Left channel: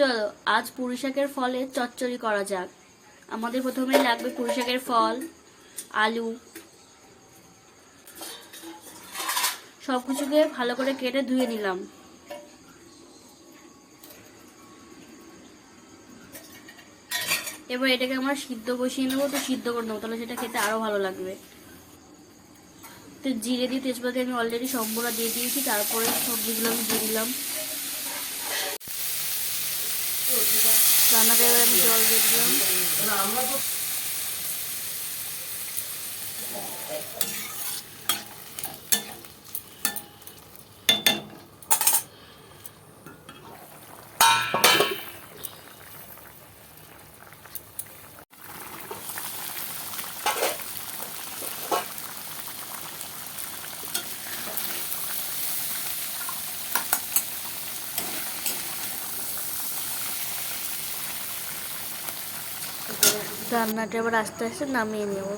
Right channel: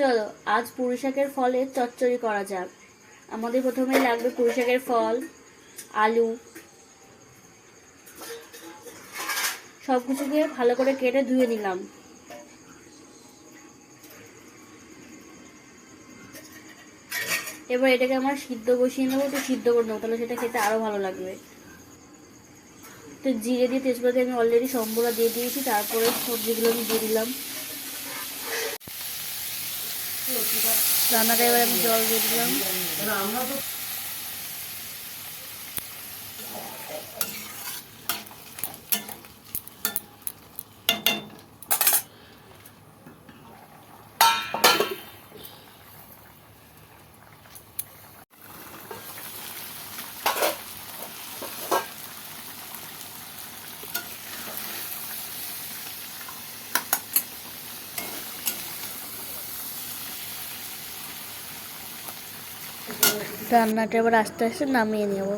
চলো, আজ পুঁই শাকের ফলের চচ্চড়ি করা যাক। আমাদের প্রথমে লাগবে পুঁই শাকের ফল, আলু। সব কিছুকে ভালো করে কেটে ধুয়ে নিলাম। এবার এটাকে আমরা সিদ্ধ বসিয়ে নেব, তো সিদ্ধ করে নেব, তাহলে সেটা খেতে আরও ভালো লাগবে। তো জিরে দিয়ে তেজপাতা আমি অলরেডি সম্বরা দিয়ে দিয়েছি, তারপরে সবজিগুলো আমি দিয়ে দিলাম। রান্নাটা এবার আমি জল দিয়ে দিলাম। রান্নাটা এবার আস্তে আস্তে নামিয়ে নেব।